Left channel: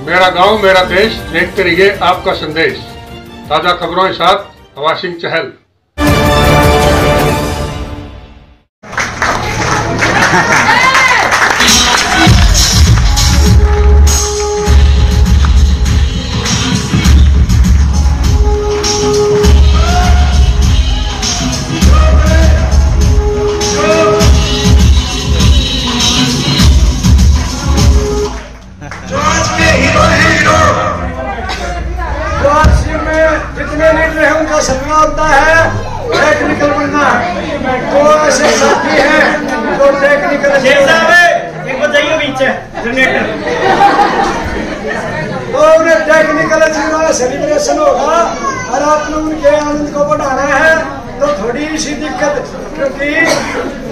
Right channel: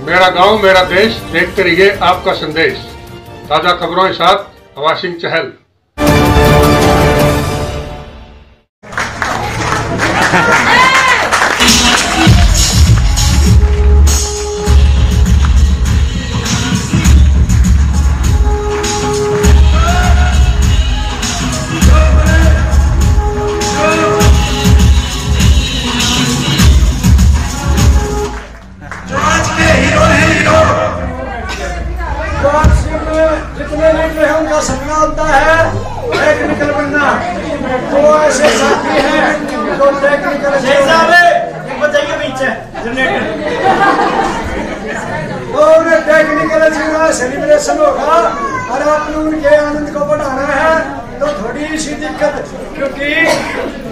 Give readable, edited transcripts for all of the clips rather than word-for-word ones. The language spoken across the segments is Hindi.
मेरा गांव मेरा देश, देखते रहिए आपका संदेश। ताजा खबरों के साथ हवा सिंह चहल। जितने लीडर है उनका सपना होता है टेक्निकल बनना। तो ऐसे साथी हैं जो टेक्निकल इनको चाहिए पीछे तो उन्हें टेक्निकल सेलिब्रेशन होगा और आपने उनके आनंद को बढ़ाना है। तो थोड़ी सी दिक्कत, क्योंकि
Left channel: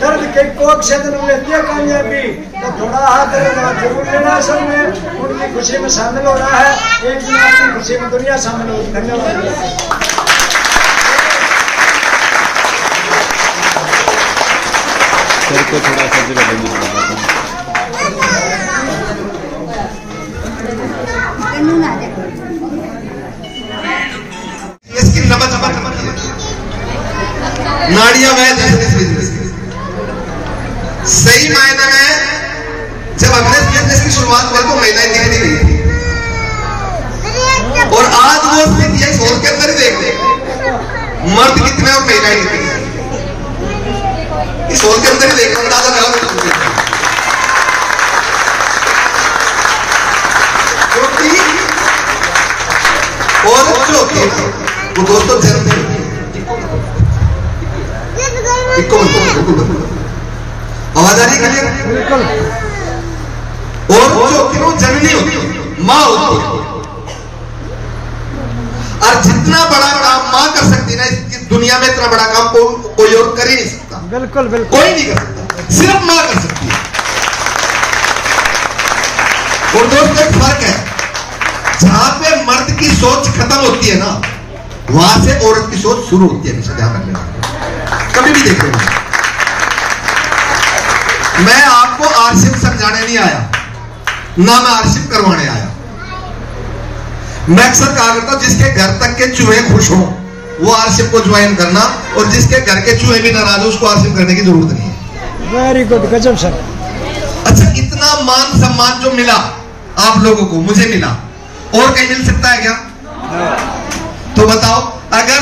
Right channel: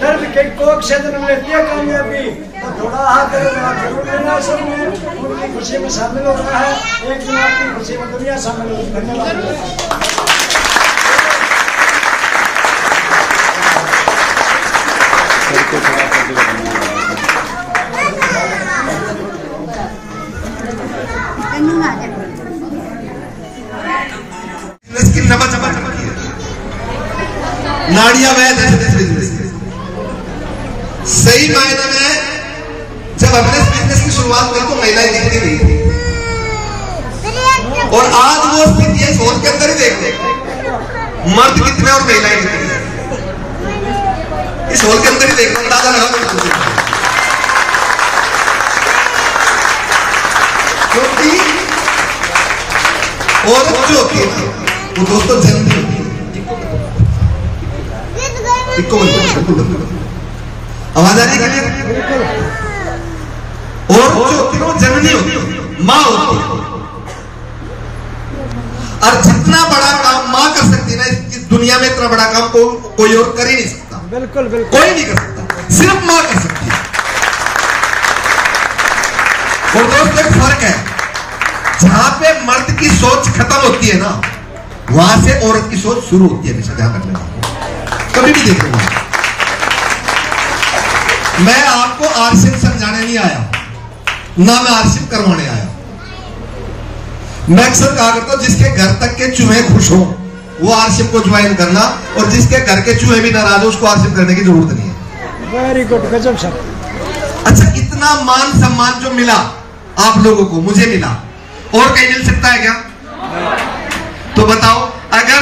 दर्द के कोख से जन्म लेती है कामयाबी, तो थोड़ा हाथ जरूर लेना। सब में उनकी खुशी में शामिल हो रहा है। एक दिन आपकी खुशी में दुनिया शामिल होगी। धन्यवाद। नाड़ियां वैध है बिजनेस की। सही मायने में जब हमने बिजनेस की शुरुआत की तो महिलाएं दिखती नहीं थी, और आज वो स्थिति है हॉल के अंदर ही देख ले मर्द कितने और महिलाएं कितनी है। इस हॉल के अंदर ही देख अंदाजा लगा, क्योंकि औरत जो होती है वो दोस्तों जन्म होती है। आवाज आ रही है? बिल्कुल। और जो क्यों जननी होती है, माँ होती है, और जितना बड़ा काम माँ कर सकती है ना इस दुनिया में, इतना बड़ा काम कोई और कर ही नहीं सकता। बिल्कुल बिल्कुल, कोई नहीं कर सकता, सिर्फ माँ कर सकती है। और दोस्तों एक फर्क है, जहां पे मर्द की सोच खत्म होती है ना, वहां से औरत की सोच शुरू होती है। हमेशा ध्यान रखना, कभी भी देखो। मैं आपको आरशिप समझाने नहीं आया, ना मैं आरशिप करवाने आया। मैं अक्सर कहा करता हूं, जिसके घर तक के चूहे खुश हो वो आरशिप को ज्वाइन करना, और जिसके घर के चूहे भी नाराज हो उसको आरशिप करने की जरूरत नहीं है। वेरी गुड, गजब सर। अच्छा, इतना मान सम्मान जो मिला आप लोगों को, मुझे मिला, और कहीं मिल सकता है क्या? तो बताओ, अगर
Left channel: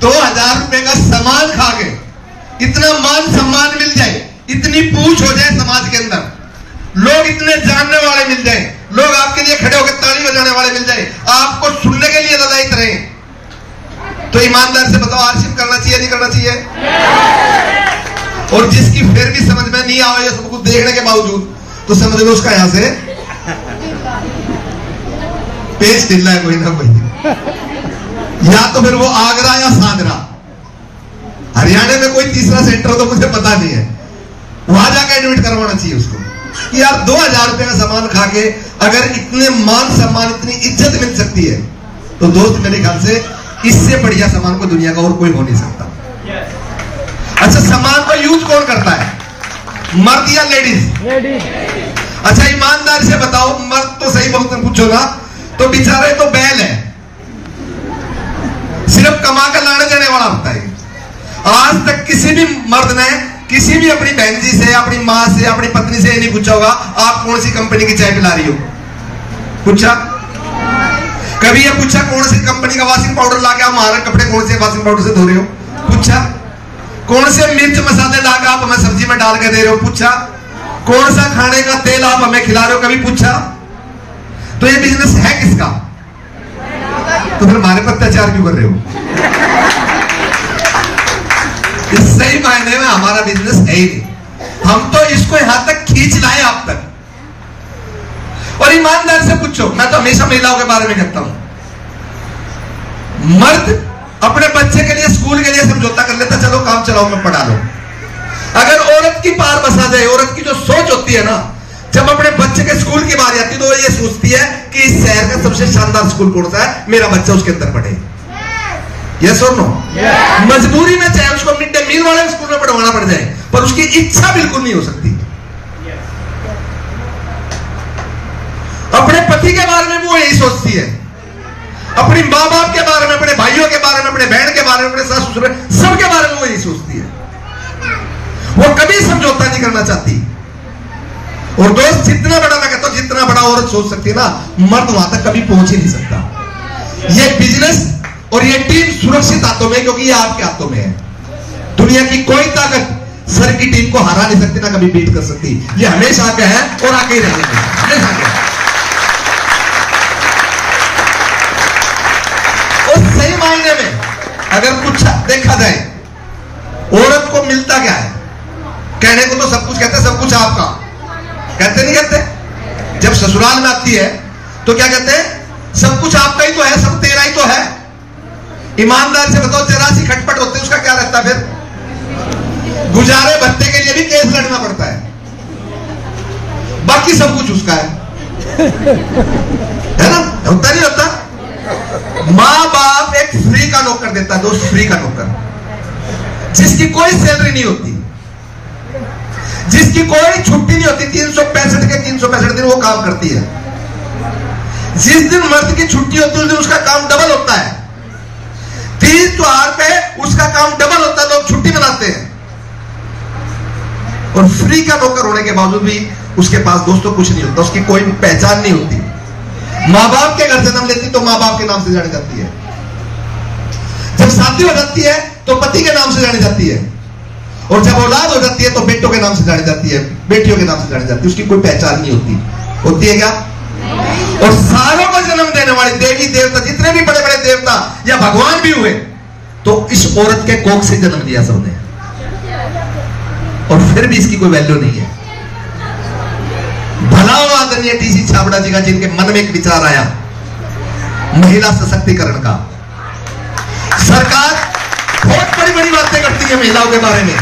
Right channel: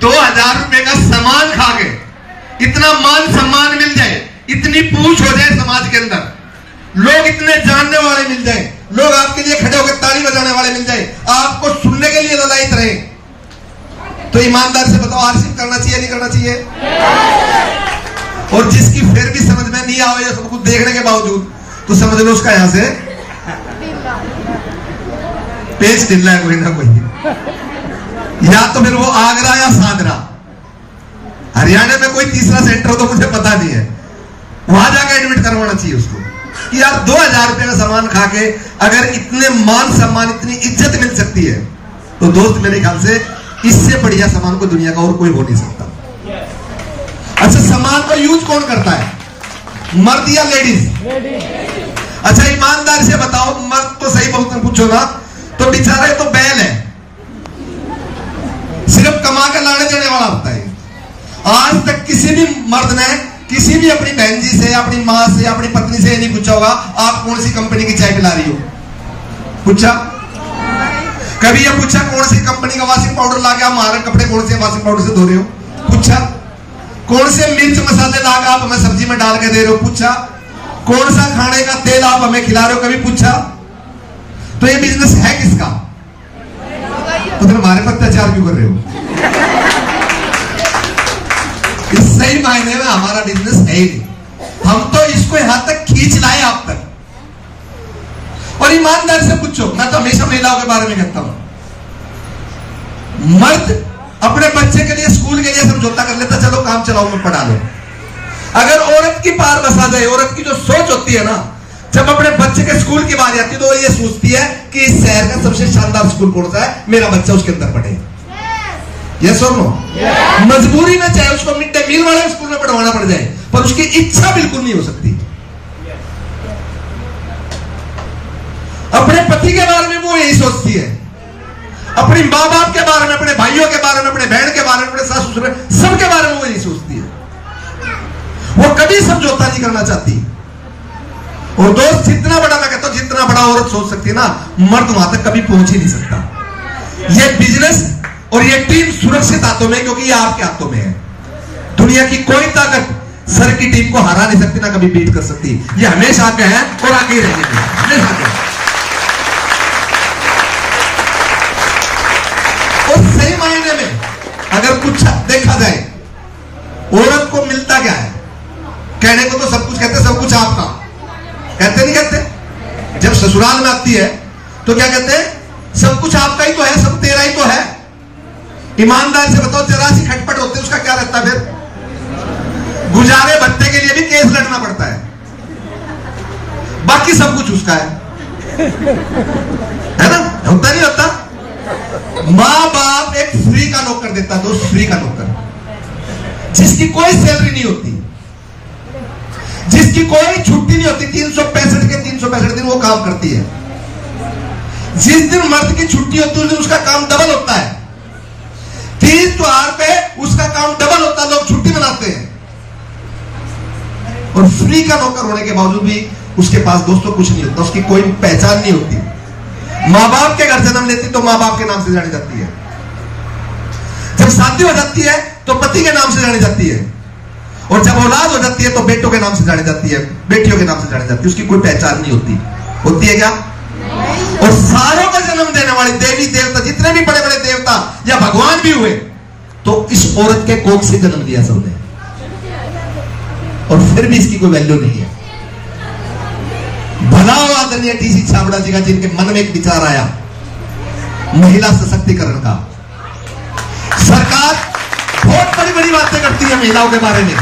2000 रुपए का सामान खा के इतना मान सम्मान मिल जाए, इतनी पूछ हो जाए समाज के अंदर, लोग इतने जानने वाले मिल जाए, लोग आपके लिए खड़े होकर ताली बजाने वाले मिल जाए, आपको सुनने के लिए ललायत रहे, तो ईमानदार से बताओ आरशिप करना चाहिए नहीं करना चाहिए? और जिसकी फिर भी समझ में नहीं आवे सब कुछ देखने के बावजूद, तो समझ लो उसका यहां से पेज ढिल है कोई ना कोई। या तो फिर वो आगरा या सांगरा, हरियाणा में कोई तीसरा सेंटर तो मुझे पता नहीं है, वहां जाकर एडमिट करवाना चाहिए उसको कि यार 2000 रुपए का सामान खा के अगर इतने मान सम्मान, इतनी इज्जत मिल सकती है, तो दोस्त मेरे ख्याल से इससे बढ़िया सामान को दुनिया का और कोई हो नहीं सकता। अच्छा, सामान का यूज कौन करता है, मर्द या लेडीज? अच्छा, ईमानदार से बताओ, मर्द तो सही बहुत पूछो ना, तो बेचारे तो बैल है, सिर्फ कमा कर लाने देने वाला होता है। आज तक किसी भी मर्द ने किसी भी अपनी बहन जी से, अपनी माँ से, अपनी पत्नी से नहीं पूछा होगा आप कौन सी कंपनी की चाय पिला रही हो? पूछा? कभी ये पूछा कौन सी कंपनी का वॉशिंग पाउडर लाके आप हमारे कपड़े कौन से वॉशिंग पाउडर से धो रहे हो? पूछा? कौन से मिर्च मसाले लाकर आप हमें सब्जी में डाल के दे रहे हो? पूछा? कौन सा खाने का तेल आप हमें खिला रहे हो? कभी पूछा? तो ये बिजनेस है किसका? तो फिर हमारे पर अत्याचार क्यों कर रहे हो? इस सही मायने में हमारा बिजनेस है ही नहीं, हम तो इसको यहां तक खींच लाए आप तक। और ईमानदार से पूछो, मैं तो हमेशा महिलाओं के बारे में कहता हूं, मर्द अपने बच्चे के लिए स्कूल के लिए समझौता कर लेता, चलो काम चलाओ मैं पढ़ा लो। अगर औरत की पार बसा जाए, औरत की जो सोच होती है ना, जब अपने बच्चे के स्कूल की बारी आती है तो वो ये सोचती है कि इस शहर का सबसे शानदार स्कूल कौन सा है, मेरा बच्चा उसके अंदर पढ़े। यस और नो? मजबूरी में चाहे उसको मिड डे मील वाले स्कूल में पढ़वाना पड़ जाए, पर उसकी इच्छा बिल्कुल नहीं हो सकती। अपने पति पति के बारे में वो यही सोचती है, अपनी माँ बाप के बारे में, अपने भाइयों के बारे में, अपने बहन के बारे में, अपने सास ससुर सबके बारे में वो यही सोचती है। वो कभी समझौता नहीं करना चाहती। और दोस्त, जितना बड़ा, मैं कहता हूं जितना बड़ा औरत सोच सकती है ना, मर्द वहां तक कभी पहुंच ही नहीं सकता। ये बिजनेस और ये टीम सुरक्षित हाथों में, क्योंकि ये आपके हाथों में है। दुनिया की कोई ताकत सर की टीम को हरा नहीं सकती, ना कभी बीट कर सकती। ये हमेशा आगे है और आगे ही रहेंगे, हमेशा आगे। और सही मायने में अगर कुछ देखा जाए, औरत को मिलता क्या है? कहने को तो सब कुछ कहते, सब कुछ आपका कहते नहीं कहते? जब ससुराल में आती है तो क्या कहते हैं? सब कुछ आपका ही तो है, सब तेरा ही तो है। ईमानदार से बताओ, जरा सी खटपट होती है उसका क्या रहता? फिर गुजारे भत्ते के लिए भी केस लड़ना पड़ता है, बाकी सब कुछ उसका है ना? होता नहीं होता? माँ बाप एक फ्री का नौकर देता, दोस्त, फ्री का नौकर, जिसकी कोई सैलरी नहीं होती, जिसकी कोई छुट्टी नहीं होती। 365 के 365 दिन वो काम करती है। जिस दिन मर्द की छुट्टी होती है उस दिन उसका काम डबल होता है। 30 त्योहार पे उसका काम डबल होता है, लोग छुट्टी मनाते हैं। और फ्री का नौकर होने के बावजूद भी उसके पास दोस्तों कुछ नहीं होता, उसकी कोई पहचान नहीं होती। माँ बाप के घर जन्म लेती तो माँ बाप के नाम से जानी जाती है। जब शादी हो जाती है तो पति के नाम से जानी जाती है। और जब औलाद हो जाती है तो बेटों के नाम से जानी जाती है, बेटियों के नाम से जानी जाती है। उसकी कोई पहचान नहीं होती। होती है क्या? और सारों को जन्म देने वाले देवी देवता, जितने भी बड़े बड़े देवता या भगवान भी हुए, तो इस औरत के कोख से जन्म लिया सबने, और फिर भी इसकी कोई वैल्यू नहीं है। भला हो आदरणीय टीसी छाबड़ा जी का, जिनके मन में एक विचार आया महिला सशक्तिकरण का। सरकार बहुत बड़ी बड़ी बातें करती है महिलाओं के बारे में।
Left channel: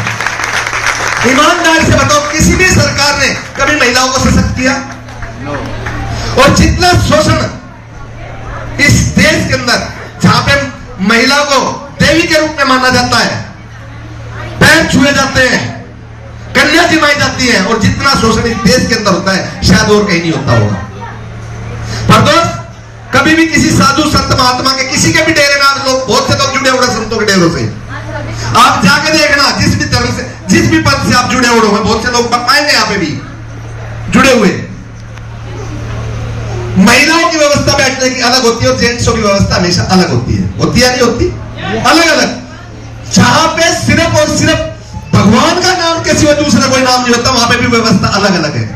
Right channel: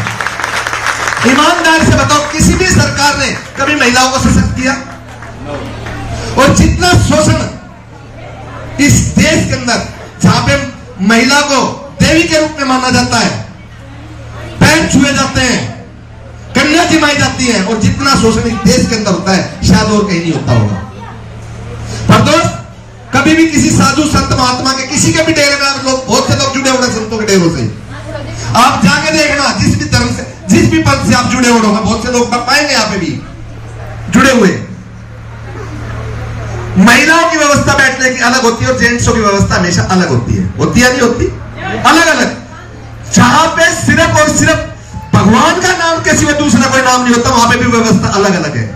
ईमानदार से बताओ, किसी भी सरकार ने कभी महिलाओं को सशक्त किया? और जितना शोषण इस देश के अंदर, जहां पे महिला को देवी के रूप में माना जाता है, पैर छुए जाते हैं, कन्या जिमाई जाती है, और जितना शोषण इस देश के अंदर होता है शायद और कहीं नहीं होता होगा। पर दोस्त, कभी भी किसी साधु संत महात्मा के, किसी के भी डेरे में लोग, बहुत से लोग जुड़े हुए संतों के डेरों से, आप जाके देखना, जिस भी धर्म से, जिस भी पद से आप जुड़े हुए होंगे, बहुत से लोग बताएंगे यहाँ पे भी जुड़े हुए। महिलाओं की व्यवस्था बैठने की अलग होती है और जेंट्सों की व्यवस्था हमेशा अलग होती है। होती है नहीं होती? अलग अलग। जहां पे सिर्फ और सिर्फ भगवान का नाम के सिवा दूसरा कोई नाम नहीं होता, वहां पे भी व्यवस्था अलग अलग है।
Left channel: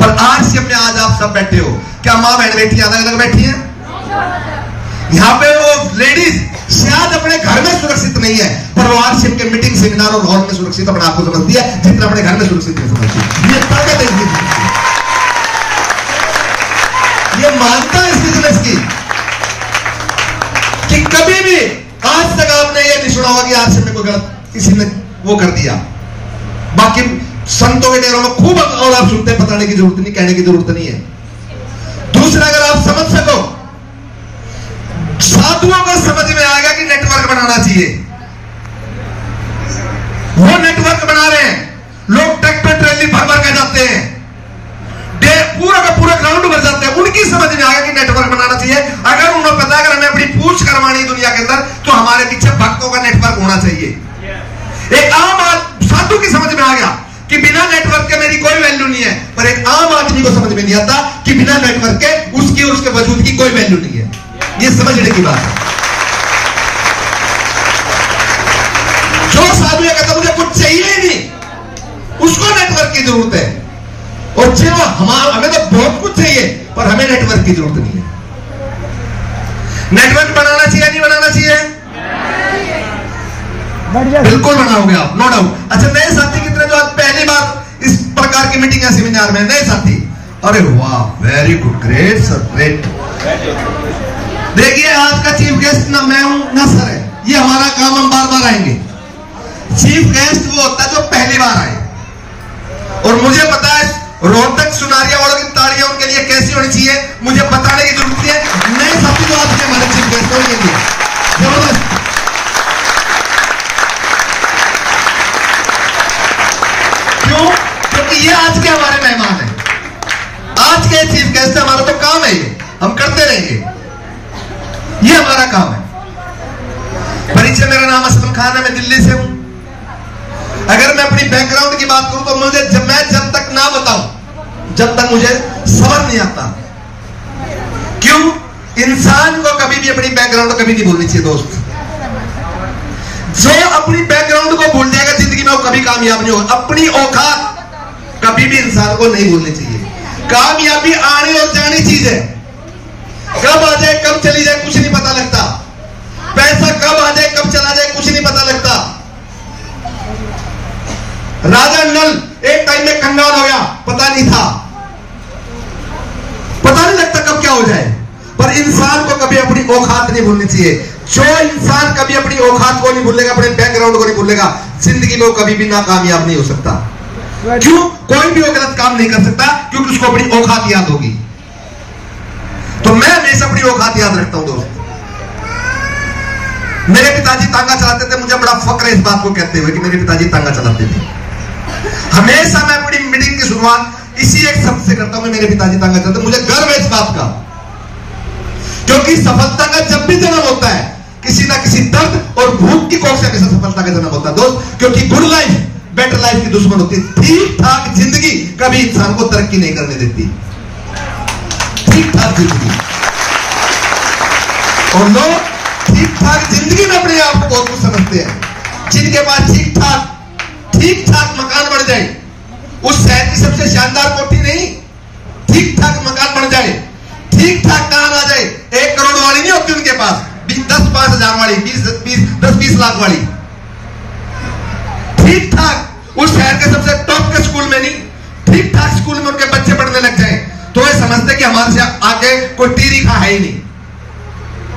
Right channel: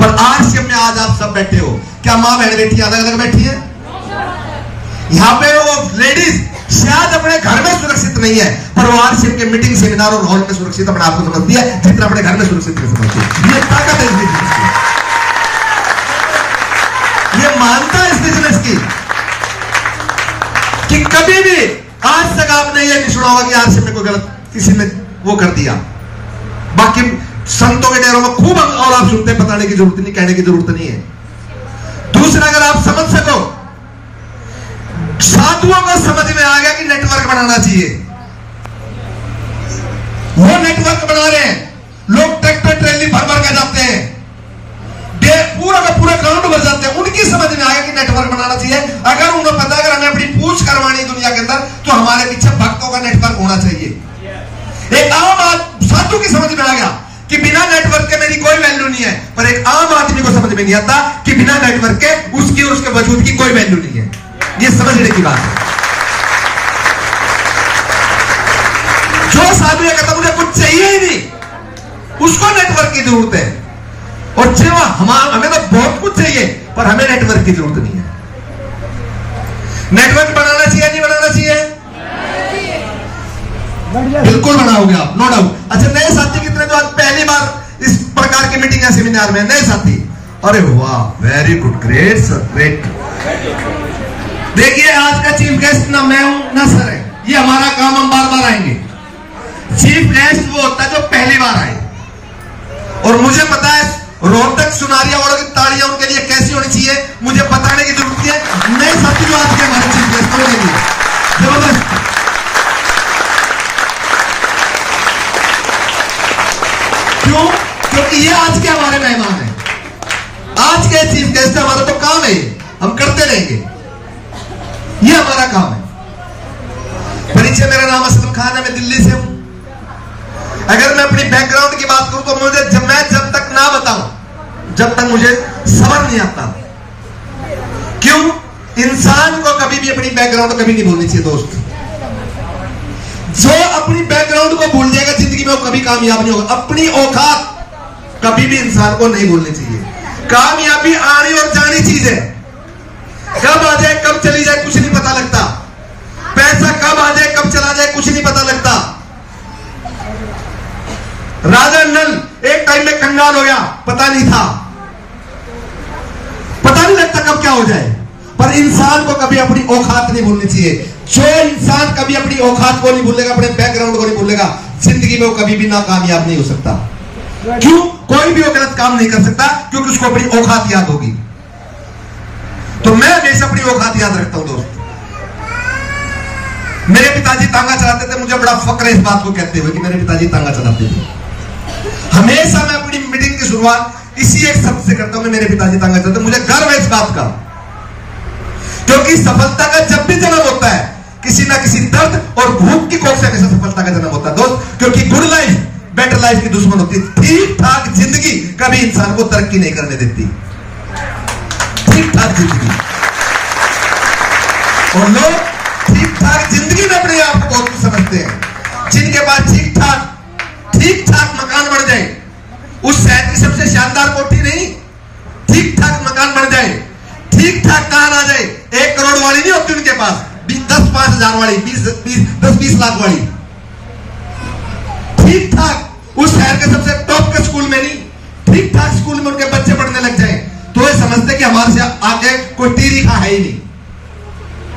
पर आज से आज आप सब बैठे हो, क्या मां बहन बेटियां अलग अलग बैठी हैं? यहाँ पे वो लेडीज शायद अपने घर में सुरक्षित नहीं है, पर वो आरसीएम के मीटिंग, सेमिनार और हॉल में सुरक्षित अपने आप को समझती है, जितना अपने घर में सुरक्षित नहीं समझती है। ये ताकत है इस बिजनेस की, ये मानता है इस बिजनेस की, कि कभी भी आज तक आपने ये नहीं सुना होगा कि आरसीएम में कोई गलत किसी ने वो कर दिया। बाकी संतों के डेरों में खूब और आप सुनते, बताने की जरूरत नहीं, कहने की जरूरत नहीं है। दूसरा, अगर आप समझ सको, साधुओं को समझ में आ गया कि नेटवर्क बनाना चाहिए, वो नेटवर्क बना रहे हैं। लोग ट्रैक्टर ट्रेली भर भर के जाते हैं, पूरा का पूरा ग्राउंड भर जाते हैं। उनकी समझ में आ गया कि नेटवर्क बनाना चाहिए। अगर उन्हें पता है अगर हमें अपनी पूछ करवानी दुनिया के अंदर, तो हमारे पीछे भक्तों का नेटवर्क होना चाहिए। एक आम साधु की समझ में आ गया कि बिना नेटवर्क के मेरी कोई वैल्यू नहीं है, पर एक आम आदमी को समझ में नहीं आता कि बिना नेटवर्क के उसकी और उसके वजूद की कोई वैल्यू नहीं है। ये समझने की बात है। जो साधु है कहता मुझे कुछ चाहिए ही नहीं, उसको नेटवर्क की जरूरत है। और जो हमें तो बहुत कुछ चाहिए, पर हमें नेटवर्क की जरूरत नहीं है। नेटवर्क बनाना चाहिए नहीं बनाना चाहिए? बिल्कुल बनाओगे आप, नो डाउट। अच्छा, नए साथी कितने जो आज पहली बार इस प्रकार की मीटिंग या सेमिनार में? नए साथी, अरे वाह, very good, great sir, great. देखिए, आज का चीफ गेस्ट ना मैं हूं ना सर है, ये हमारा काम, हम बार बार आएंगे। चीफ गेस्ट वो होता है जो पहली बार आए, और मुझे पता है रोहतक सुनारिया वालों की तालियां उनके लिए कैसी होनी चाहिए, मुझे बताने की जरूरत है। नए साथी जो आज के हमारे चीफ गेस्ट होंगे, जबरदस्त। क्यों? क्योंकि ये आज के हमारे मेहमान हैं। आज के चीफ तारीफ कैसे, हमारा तो काम है, ये हम करते रहेंगे, ये हमारा काम है। परिचय, मेरा नाम असलम खान है, मैं दिल्ली से हूं। अगर मैं अपनी बैकग्राउंड की बात करूं तो मैं जब तक ना बताऊं, जब तक मुझे समझ नहीं आता। क्यों? इंसान को कभी भी अपनी बैकग्राउंड कभी नहीं भूलनी चाहिए दोस्त। जो अपनी बैकग्राउंड को भूल जाएगा जिंदगी में वो कभी कामयाब नहीं होगा। अपनी औकात कभी भी इंसान को नहीं भूलनी चाहिए। कामयाबी आनी और जानी चीज है, कब आ जाए कब चली जाए कुछ नहीं पता लगता। पैसा कब आ जाए कब चला जाए कुछ नहीं पता लगता। राजा नल एक टाइम में कंगाल हो गया, पता नहीं था, पता नहीं लगता कब क्या हो जाए। पर इंसान को कभी अपनी औकात नहीं भूलनी चाहिए। जो इंसान कभी अपनी औकात को नहीं भूलेगा, अपने बैकग्राउंड को नहीं भूलेगा, जिंदगी में वो कभी भी नाकामयाब नहीं हो सकता। क्यों? कोई भी वो गलत काम नहीं कर सकता क्योंकि उसको अपनी औकात याद होगी। तो मैं हमेशा अपनी औकात याद रखता हूं दोस्त। मेरे पिताजी तांगा चलाते थे, मुझे बड़ा फक्र है इस बात को कहते हुए कि मेरे पिताजी तांगा चलाते थे। हमेशा मैं अपनी मीटिंग की शुरुआत इसी एक शब्द से करता हूं, मेरे पिताजी तांगा चलाते। मुझे गर्व है इस बात का, क्योंकि सफलता का जब भी जन्म होता है किसी ना किसी दर्द और भूख की कोख से हमेशा सफलता का जन्म होता है दोस्त। क्योंकि गुड लाइफ बेटर लाइफ की दुश्मन होती है। ठीक ठाक जिंदगी कभी इंसान को तरक्की नहीं करने देती। ठीक ठाक जिंदगी, और लोग ठीक ठाक जिंदगी में अपने आप को बहुत कुछ समझते हैं। जिनके पास ठीक ठाक मकान बन जाए, उस शहर की सबसे शानदार कोठी नहीं, ठीक ठाक मकान बन जाए, ठीक ठाक कार आ जाए, 1 करोड़ वाली नहीं होती उनके पास, 10-5 हजार वाली, 10-20 लाख वाली। ठीक ठाक उस शहर के सबसे टॉप के स्कूल में नहीं, ठीक ठाक स्कूल में उनके बच्चे पढ़ने लग जाए तो वे समझते कि हमारे से आगे कोई टीरी खा है ही नहीं।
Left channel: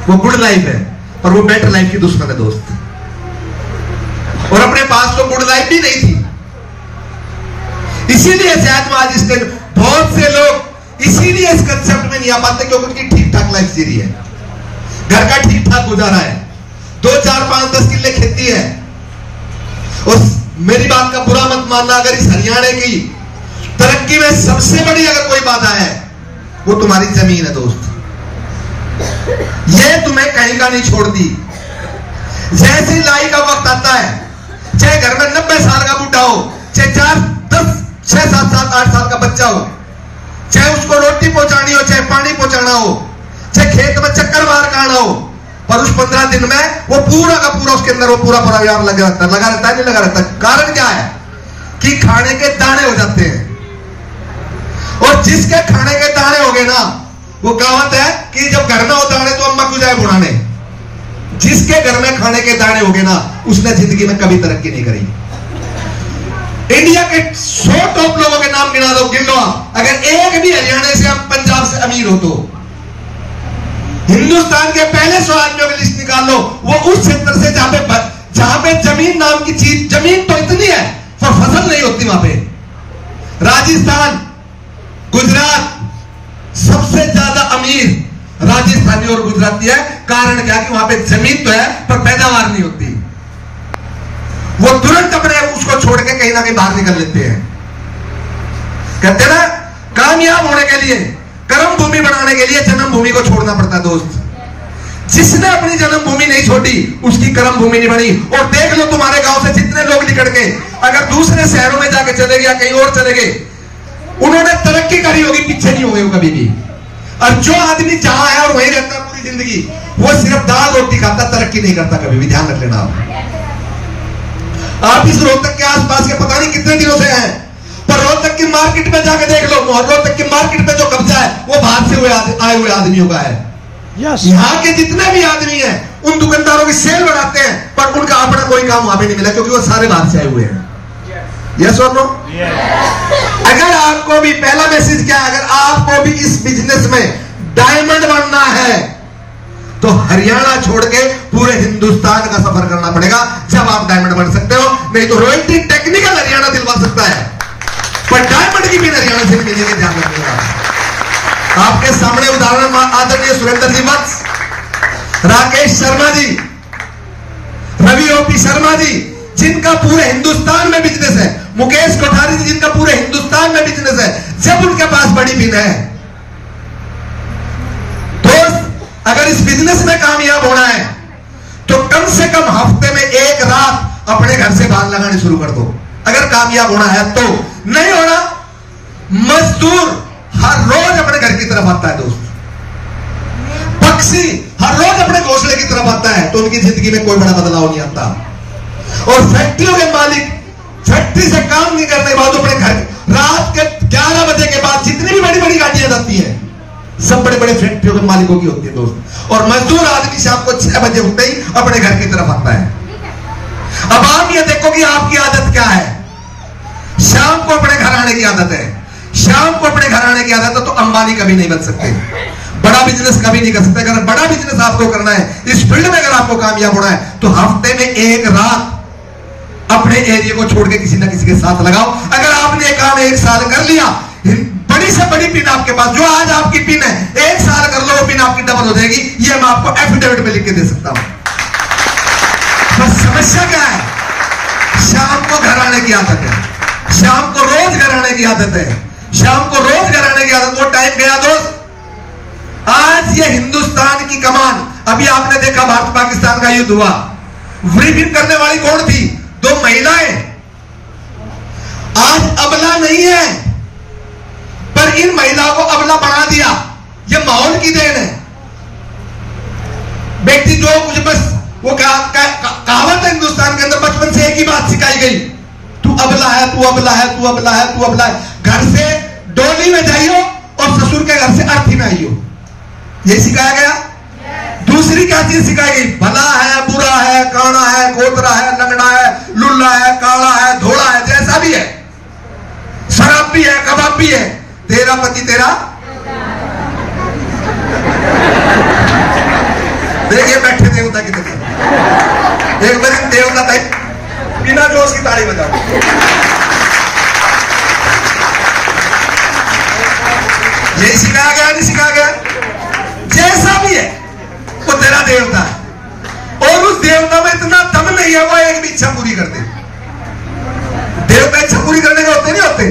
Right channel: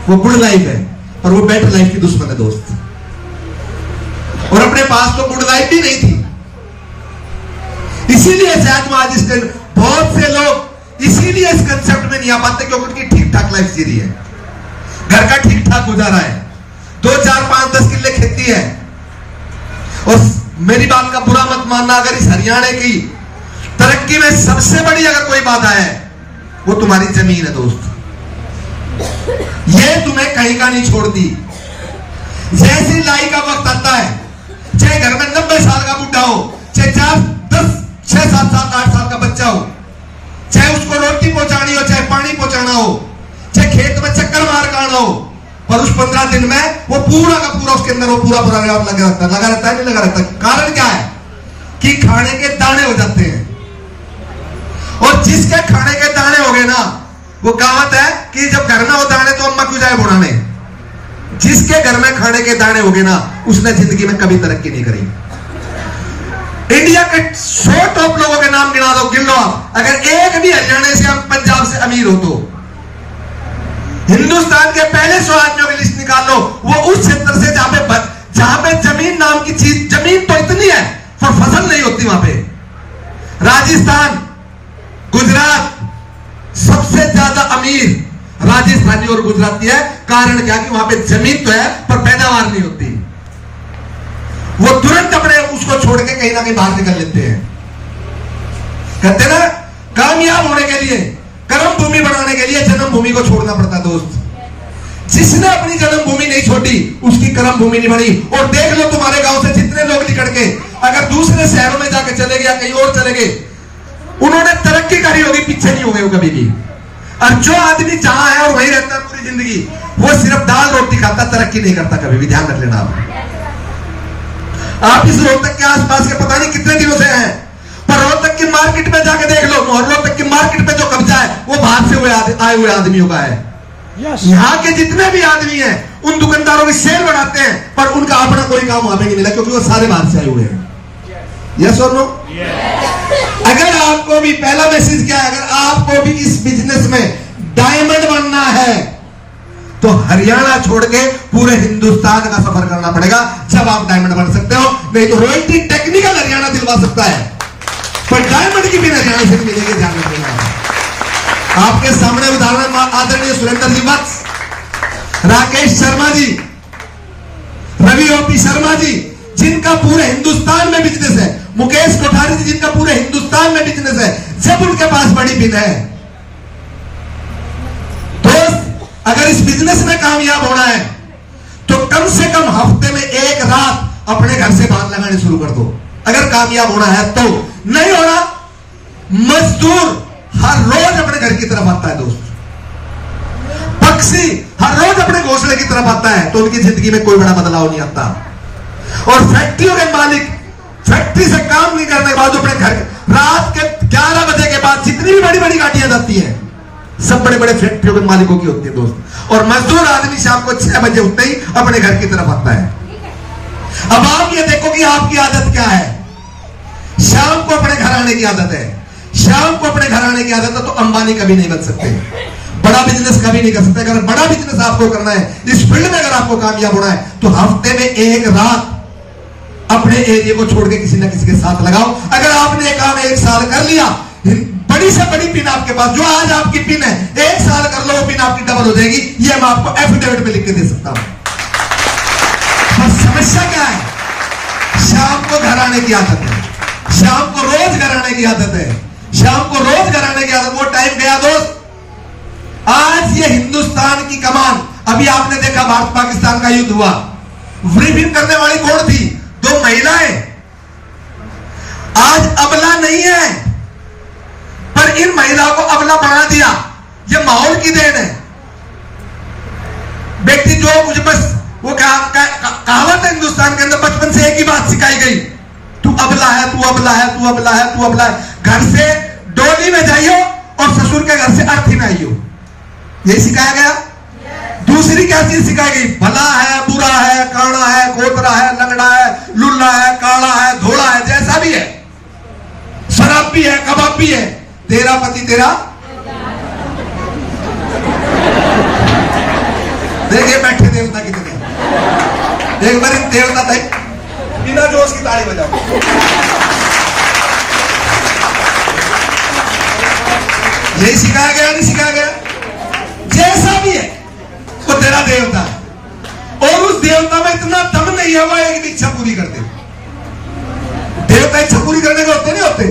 वो गुड लाइफ है और वो बेटर लाइफ की दुश्मन है दोस्त। और अपने पास तो गुड लाइफ भी नहीं थी, इसीलिए शायद आज इसके बहुत से लोग इसीलिए इस कंसेप्ट में नहीं आ पाते क्योंकि उनकी ठीक ठाक लाइफ जी रही है, घर का ठीक ठाक गुजारा है, 2, 4, 5, 10 किले खेती है। और मेरी बात का बुरा मत मानना, अगर इस हरियाणा की तरक्की में सबसे बड़ी अगर कोई बाधा है वो तुम्हारी जमीन है दोस्त। ये तुम्हें कहीं का नहीं छोड़ती। जैसे ही लाई का वक्त आता है, चाहे घर में 90 साल का बुढ़ा हो, चाहे 4, 10, 6, 7, 8 साल का बच्चा हो, चाहे उसको रोटी पहुंचानी हो, चाहे पानी पहुंचाना हो, चाहे खेत में चक्कर मार के आना हो, पर उस 15 दिन में वो पूरा का पूरा उसके अंदर वो पूरा प्रोग्राम लगा रहता है, नहीं लगा रहता। कारण क्या है कि खाने के दाने हो जाते हैं। और जिसके खाने के दाने हो गए ना, वो कहावत है कि जब घर में हो दाने तो अम्मा क्यों जाए बुढ़ाने। जिसके घर में खाने के दाने हो गए ना, उसने जिंदगी में कभी तरक्की नहीं करी। इंडिया के 100 टॉप लोगों के नाम गिना दो, गिन लो। अगर एक भी हरियाणा से, पंजाब से अमीर हो तो हिंदुस्तान के पहले 100 आदमियों की लिस्ट निकाल लो, वो उस क्षेत्र से जहां पे जमीन नाम की चीज, जमीन तो इतनी है पर फसल नहीं होती वहां पे। राजस्थान, गुजरात, सबसे ज्यादा अमीर राजस्थानी और गुजराती है। कारण क्या कि वहां पे जमीन तो है पर पैदावार नहीं होती। वो तुरंत अपने उसको छोड़ के कहीं ना कहीं बाहर निकल लेते हैं। कहते ना, कामयाब होने के लिए, कर्म भूमि बनाने के लिए जन्मभूमि को छोड़ना पड़ता है दोस्त। जिसने अपनी जन्मभूमि नहीं छोड़ी उसकी कर्म भूमि नहीं बनी। और देख लो तुम्हारे गांव से जितने लोग निकल के अगर दूसरे शहरों में जाके चले गए या कहीं और चले गए, उन्होंने तरक्की करी होगी, पीछे नहीं होंगे वो कभी भी। और जो आदमी जहां है और वहीं रहता है पूरी जिंदगी, वो सिर्फ दाल रोटी खाता, तरक्की नहीं करता कभी भी। ध्यान रख लेना आप इस रोहतक के आसपास के पता नहीं कितने दिनों से हैं, पर रोहतक की मार्केट में जाके देख लो, रोहतक की मार्केट में जो कब्जा है वो बाहर से आए हुए आदमियों का है। यहाँ के जितने भी आदमी हैं उन दुकानदारों की सेल बढ़ाते हैं, पर उनका अपना कोई काम वहां पे नहीं मिला क्योंकि वो सारे बाहर से आए हुए हैं। यस और नो? अगर आपको भी, पहला मैसेज क्या है, अगर आपको भी इस बिजनेस में डायमंड बनना है तो हरियाणा छोड़ के पूरे हिंदुस्तान का सफर करना पड़ेगा, जब आप डायमंड बन सकते हो। नहीं तो रॉयल्टी टेक्निकल हरियाणा दिलवा सकता है, पर डायमंड की भी हरियाणा से मिलेगी। ध्यान रखिएगा। आपके सामने उदाहरण आदरणीय सुरेंद्र जी बक्स, राकेश शर्मा जी, रवि ओपी शर्मा जी, जिनका पूरे हिंदुस्तान में बिजनेस है, मुकेश कोठारी जी, जिनका पूरे हिंदुस्तान में बिजनेस है। जब उनके पास बड़ी पिन है अगर इस बिजनेस में कामयाब होना है तो कम से कम हफ्ते में एक रात अपने घर से बाहर लगाने शुरू कर दो। अगर कामयाब होना है तो। नहीं होना, मजदूर हर रोज अपने घर की तरफ आता है दोस्त, पक्षी हर रोज अपने घोंसले की तरफ आता है, तो उनकी जिंदगी में कोई बड़ा बदलाव नहीं आता। और फैक्ट्रियों के मालिक फैक्ट्री से काम नहीं करने के बाद अपने घर रात के 11 बजे के बाद जितनी भी बड़ी बड़ी गाड़ियां जाती हैं सब बड़े बड़े फैक्ट्रियों के मालिकों की होती है दोस्त। और मजदूर आदमी शाम को 6 बजे उठते ही अपने घर की तरफ आता है। अब आप ये देखो कि आपकी आदत क्या है। शाम को अपने घर आने की आदत है, शाम को अपने घर आने की आदत है तो अंबानी कभी नहीं बन सकते, बड़ा बिजनेस कभी नहीं कर सकते। अगर बड़ा बिजनेस आपको करना है, इस फील्ड में अगर आपको कामयाब होना है तो हफ्ते में एक रात अपने एरिया को छोड़ के किसी ना किसी के साथ लगाओ। अगर आपने काम 1 साल कर लिया, बड़ी से बड़ी पिन आपके पास, जो आज आपकी पिन है 1 साल कर लो, वो पिन आपकी डबल हो जाएगी। ये मैं आपको एफिडेविट में लिख के दे सकता हूं। बस समस्या क्या है, शाम को घर आने की आदत है, शाम को रोज घर आने की आदत है, शाम को रोज घर आने की आदत। वो टाइम गया दोस्त। आज ये हिंदुस्तान की कमान, अभी आपने देखा भारत पाकिस्तान का युद्ध हुआ, ब्रीफिंग करने वाली कौन थी? 2 महिलाएं। आज अबला नहीं है, पर इन महिलाओं को अबला बना दिया। ये माहौल की देन है। बेटी जो मुझे बस वो कहावत है हिंदुस्तान के अंदर, बचपन से एक ही बात सिखाई गई, तू अबला है, तू अबला है, तू अबला है, तू अबला है। घर से डोली में जाइयो और ससुर के घर से अर्थी में आइयो, ये सिखाया गया। दूसरी क्या चीज सिखाई गई? भला है, बुरा है, काना है, खोतरा है, लंगड़ा है, लुल्ला है, काला है, धोला है, जैसा भी है, शराब भी है, कबाब भी है, तेरा पति तेरा। देखिए बैठे देवता कितने, देख मेरे देवता थे बिना जोश की ताली बजा। ये सिखाया गया नहीं सिखाया गया? जैसा भी है वो तेरा देवता है। और उस देवता में इतना दम नहीं है वो एक भी इच्छा पूरी कर दे। देवता इच्छा पूरी करने के होते नहीं होते।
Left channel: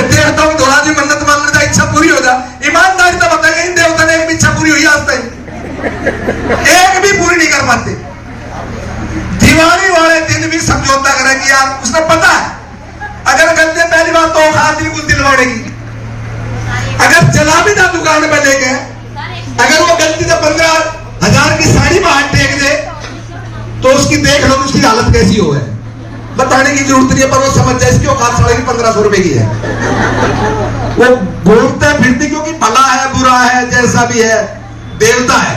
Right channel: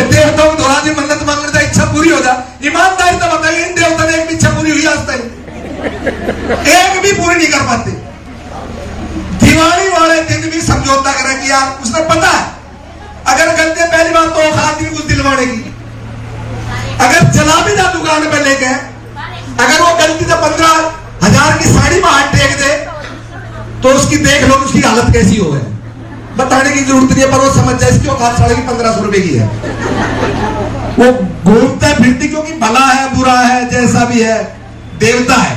देवता को दोहरा जी मन्नत मांगने जा, इच्छा पूरी हो जा। ईमानदारी तो बताएंगे इन देवता ने एक भी इच्छा पूरी हुई आज तक? एक भी पूरी नहीं कर पाते। दिवाली वाले दिन भी समझौता करें कि यार उसने पता है अगर गलती पहली बार तो आदमी कुछ दिलवाड़ेगी, अगर चला भी ना दुकान पर लेके, अगर वो गलती से 15,000 की साड़ी में हाथ टेक दे तो उसकी देख लो उसकी हालत कैसी हो है। बताने की जरूरत नहीं है, पर वो समझ जाए इसकी औकात साढ़े 1500 रुपए की है। वो बोलते फिरते क्योंकि भला है, बुरा है, जैसा भी है, देवता है।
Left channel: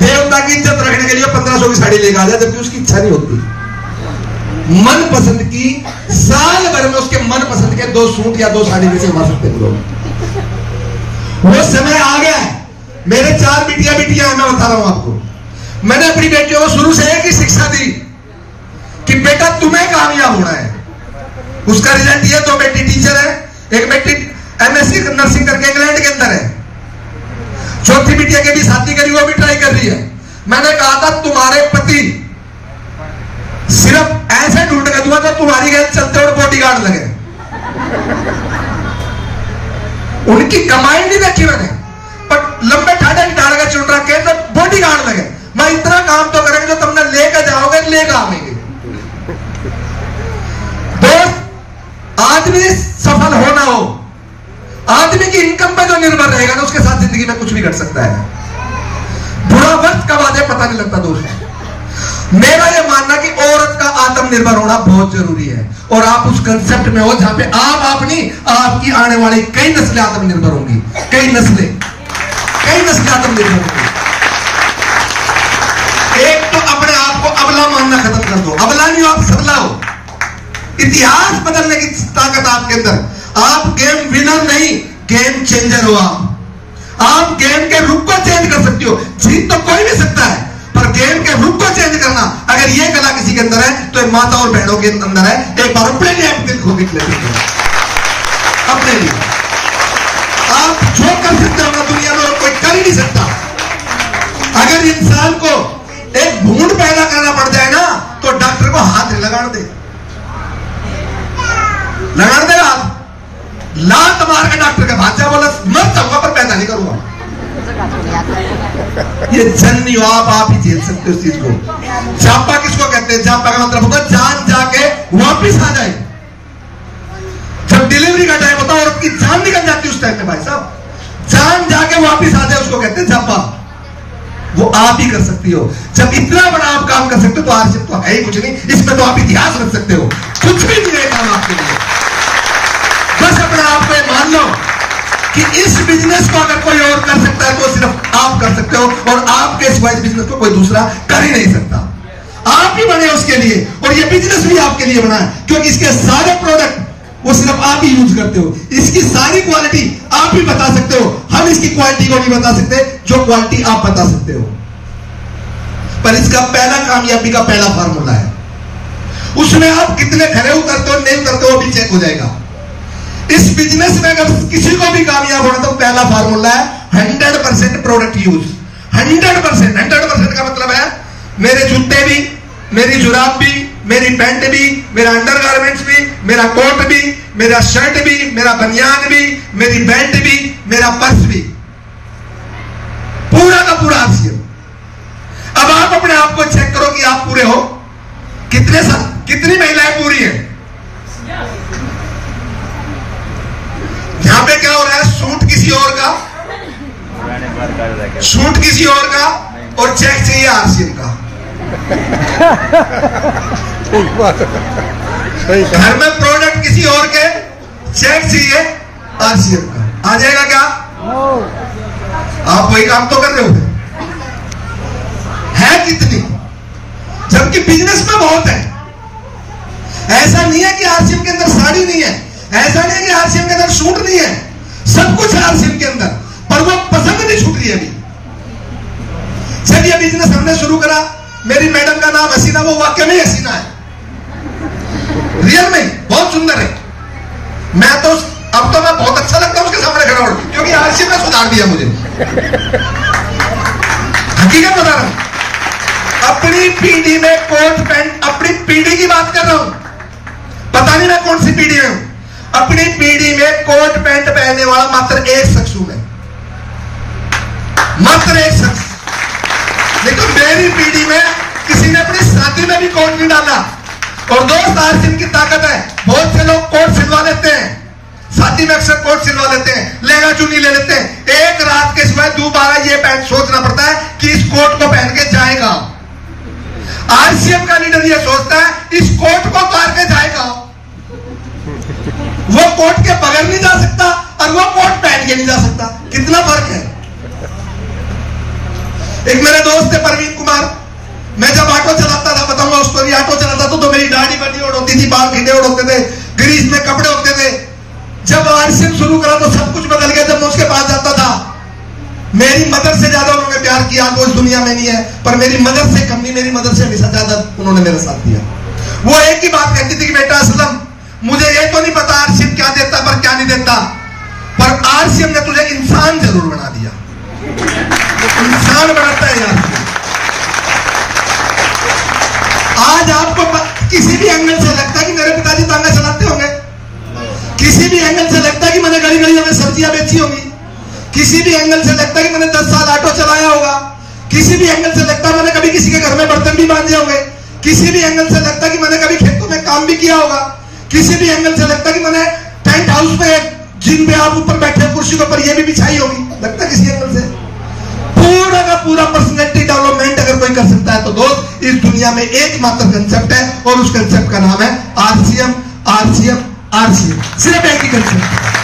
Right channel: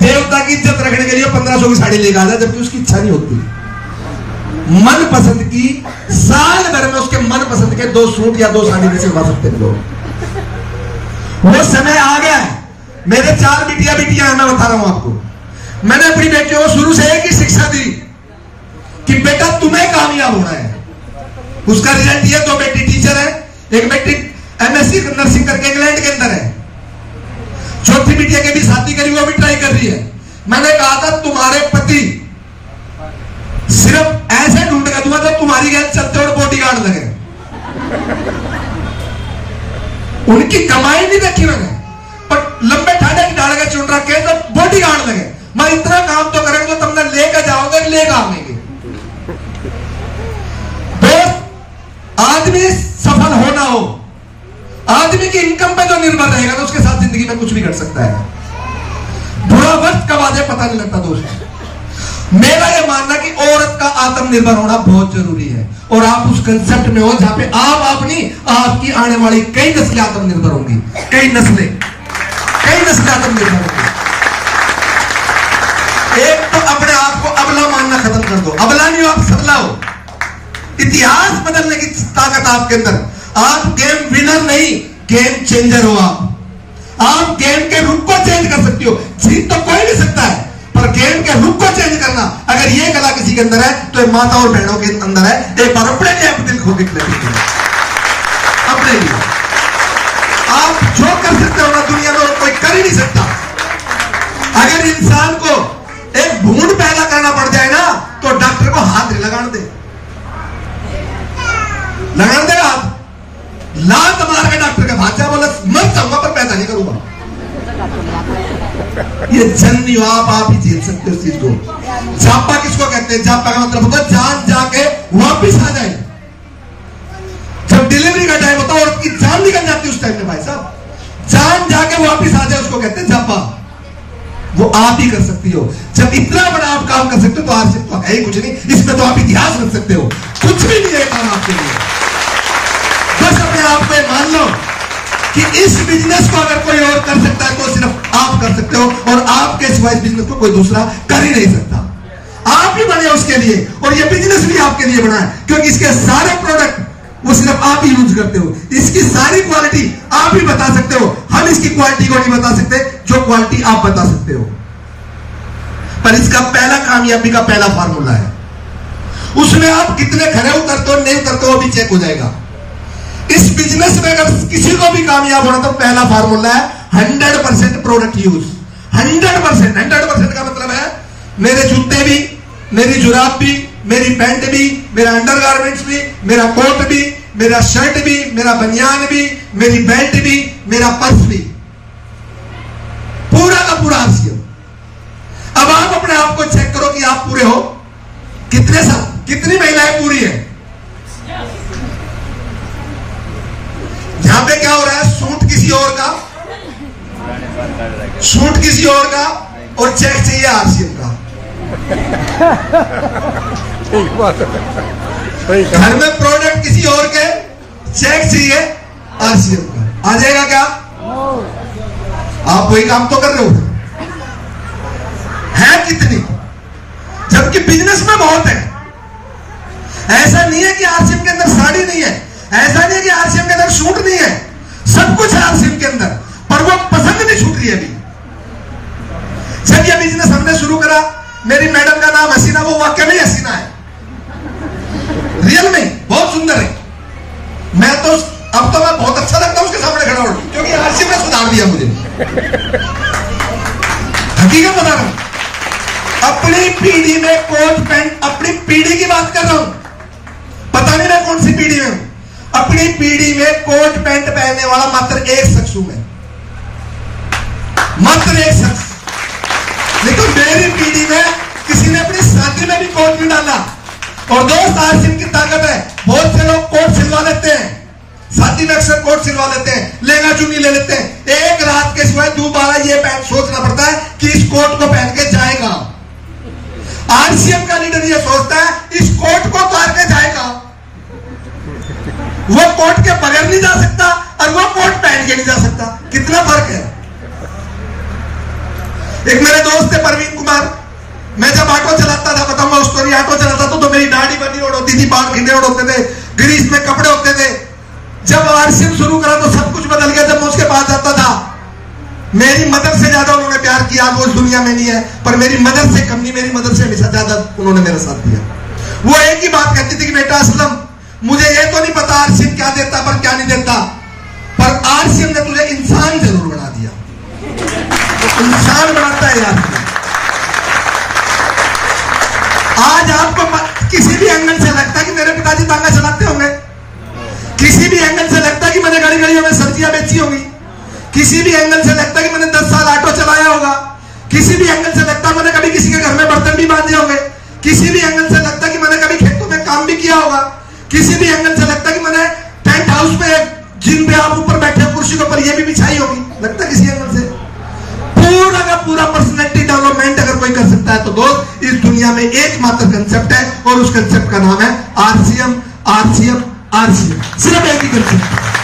देवता की इज्जत रखने के लिए 1500 की साड़ी लेकर आ जाए, जबकि उसकी इच्छा नहीं होती। मन पसंद की साल भर में उसके मन पसंद के 2 सूट या 2 साड़ी में से उठा सकते हैं लोग। वो समय आ गया है। मेरे 4 बिटिया हैं, मैं बता रहा हूं आपको। मैंने अपनी बेटियों को शुरू से एक ही शिक्षा दी कि बेटा तुम्हें कामयाब होना है। उसका रिजल्ट ये, 2 बेटी टीचर है, एक बेटी MSc नर्सिंग करके इंग्लैंड के अंदर है, चौथी बिटिया के भी शादी करी, वो भी ट्राई कर रही है। मैंने कहा था तुम्हारे पति सिर्फ ऐसे ढूंढ कर दूंगा तो तुम्हारी गैस चलते और बॉडीगार्ड लगे। उनकी कमाई नहीं देखी मैंने, पर लंबे ठाडे की डाल चुन रखे तो बॉडीगार्ड लगे। मैं इतना काम तो करेंगे जो तुमने लेकर जाओगे, लेकर आएंगे। आदमी सफल हो ना हो, आदमी की इनकम पर जो निर्भर रहेगा ना, उसके साथ जिंदगी में कुछ भी कर सकता है। बुरा वक्त कब आ जाए पता नहीं लगता दोस्त। मेरा यह मानना कि औरत का आत्मनिर्भर होना बहुत जरूरी है, और आप उस कंसेप्ट में हो जहां पे आप नहीं, आपकी आने वाली कई नस्लें आत्मनिर्भर होंगी, कई नस्लें आत्मनिर्भर होंगी। एक तो अपने आप को अबला मानना खत्म कर दो। अबला नहीं हो, आप सबला हो। इतिहास बदलने की ताकत आपके अंदर। आप गेम विनर नहीं, गेम चेंजर हो। आप गेम के रुख को चेंज कर सकते हो। जीत तो कोई भी सकता है, पर गेम के रुख को चेंज करना, अगर ये कला किसी के अंदर है तो ये माता और बहनों के अंदर है। एक बार अपने लिए दिल खो के अपने लिए आप जो कर सकते हो ना, दुनिया में और कोई कर ही नहीं सकता। अगर इंसान को एक भूंड पैदा करना पड़ जाए ना, तो डॉक्टर को हाथ नहीं लगाने दे, लगाने देगा हाथ, लात मार के डॉक्टर के भाग जा, बोला मर जाऊंगा पर पैदा नहीं करूंगा। ये जन नहीं हो, आप ही झेल सकते हो इस चीज को। जापा किसको कहते हैं? जापा का मतलब होता है जान जाके वापिस आ जाए। जब डिलीवरी का टाइम होता है और उसकी जान निकल जाती है उस टाइम में भाई साहब, जान जाके वापिस आ जाए उसको कहते हैं जापा। वो आप ही कर सकती हो। जब इतना बड़ा आप काम कर सकते हो तो आरसीएम तो है ही कुछ नहीं, इसमें तो आप इतिहास रख सकते हो। कुछ भी नहीं है काम आपके लिए। बस अपने आप को मान लो कि इस बिजनेस को अगर कोई और कर सकता है तो सिर्फ आप कर सकते हो, और आपके सिवाय बिजनेस को कोई दूसरा कर ही नहीं सकता। आप ही बने उसके लिए, और ये बिजनेस भी आपके लिए बना है, क्योंकि इसके सारे प्रोडक्ट वो सिर्फ आप ही यूज करते हो। इसकी सारी क्वालिटी आप ही बता सकते हो। हम इसकी क्वालिटी को नहीं बता सकते जो क्वालिटी आप बता सकते हो। पर इसका पहला कामयाबी का पहला फार्मूला है, उसमें आप कितने खरे उतरते हो नहीं उतरते हो भी चेक हो जाएगा। इस बिजनेस में अगर किसी को भी कामयाब होना तो पहला फार्मूला है 100% प्रोडक्ट यूज। 100% का मतलब है मेरे जूते भी, मेरी जुराब भी, मेरी पैंट भी, मेरा अंडरगारमेंट्स भी, मेरा कोट भी, मेरा शर्ट भी, मेरा बनियान भी, मेरी बेल्ट भी, मेरा पर्स भी, पूरा का पूरा आरसीएम। अब आप अपने आप को चेक करो कि आप पूरे हो। कितनी महिलाएं पूरी हैं? यहां पे क्या हो रहा है? सूट किसी और का, और चेक चाहिए आरसीएम का। घर में प्रोडक्ट किसी और के, चेक चाहिए आरसीएम का। आ जाएगा क्या? आप वही काम तो कर रहे हो। है कितनी? जबकि बिजनेस में बहुत है। ऐसा नहीं है कि आरसीएम के अंदर साड़ी नहीं है, ऐसा नहीं है कि आरसीएम के अंदर सूट नहीं है, सब कुछ है आरसीएम के अंदर, पर वो पसंद नहीं छूट रही है अभी। जब ये बिजनेस हमने शुरू करा, मेरी मैडम का नाम हसीना, वो वाकई में हसीना है, रियल में बहुत सुंदर है। मैं तो अब तो मैं बहुत अच्छा लगता हूं उसके सामने खड़ा हूं, क्योंकि आरसीएम ने सुधार दिया मुझे। हकीकत बता रहा हूं। अपनी पीढ़ी में कोट पैंट, अपनी पीढ़ी की बात कर रहा हूं, पता नहीं मैं कौन सी पीढ़ी में हूं। अपनी पीढ़ी में कोट पैंट पहनने वाला मात्र एक शख्स हूं मैं, मात्र एक शख्स। लेकिन मेरी पीढ़ी में किसी ने अपनी शादी में भी कोट नहीं डाला। और दोस्त आरसीएम की ताकत है, बहुत से लोग कोट सिलवा लेते हैं, शादी में अक्सर कोट सिलवा लेते हैं, लहंगा चुन्नी ले लेते हैं। एक रात के सिवाय दोबारा ये पैंट सोचना पड़ता है कि इस कोट को पहन के जाएगा। आरसीएम का लीडर ये सोचता है इस कोट को उतार के जाएगा। वो कोट के बगैर नहीं जा सकता और वो कोट पहन के नहीं जा सकता। कितना फर्क है। एक मेरे दोस्त थे परवीन कुमार, मैं जब ऑटो चलाता था, बताऊंगा उस स्टोरी, ऑटो चलाता तो मेरी दाढ़ी बनी और होती थी, बाल खींचे और होते थे, ग्रीस में कपड़े होते थे। जब आरसीएम शुरू करा तो सब कुछ बदल गया। जब मैं उसके पास जाता था, मेरी मदर से ज्यादा उन्होंने प्यार किया, वो इस दुनिया में नहीं है, पर मेरी मदर से कम नहीं, मेरी मदर से हमेशा ज्यादा उन्होंने मेरे साथ दिया। वो एक ही बात कहती थी कि बेटा असलम, मुझे ये तो नहीं पता आरसीएम क्या देता पर क्या नहीं देता, पर आरसीएम ने तुझे इंसान जरूर बना दिया। इंसान बनाता है यार। आज आपको किसी भी एंगल से लगता है कि मेरे पिताजी तांगा चलाते होंगे, किसी भी एंगल से लगता है कि मैंने गली गलियों में सब्जियां बेची होंगी, किसी भी एंगल से लगता है कि मैंने 10 साल ऑटो चलाया होगा, किसी भी एंगल से लगता है मैंने कभी किसी के घर में बर्तन भी बांधे होंगे, किसी भी एंगल से लगता है कि मैंने कभी खेतों में काम भी किया होगा, किसी भी एंगल से लगता है कि मैंने टेंट हाउस में, जिम पे आप ऊपर बैठे कुर्सी के ऊपर ये भी बिछाई होगी, लगता है किसी एंगल से। पूरा का पूरा पर्सनैलिटी डेवलपमेंट अगर कोई कर सकता है तो दोस्त इस दुनिया में एकमात्र कंसेप्ट है, और उस कंसेप्ट का नाम है आरसीएम। आरसीएम, आरसीएम, सिर्फ एक ही कंसेप्ट है।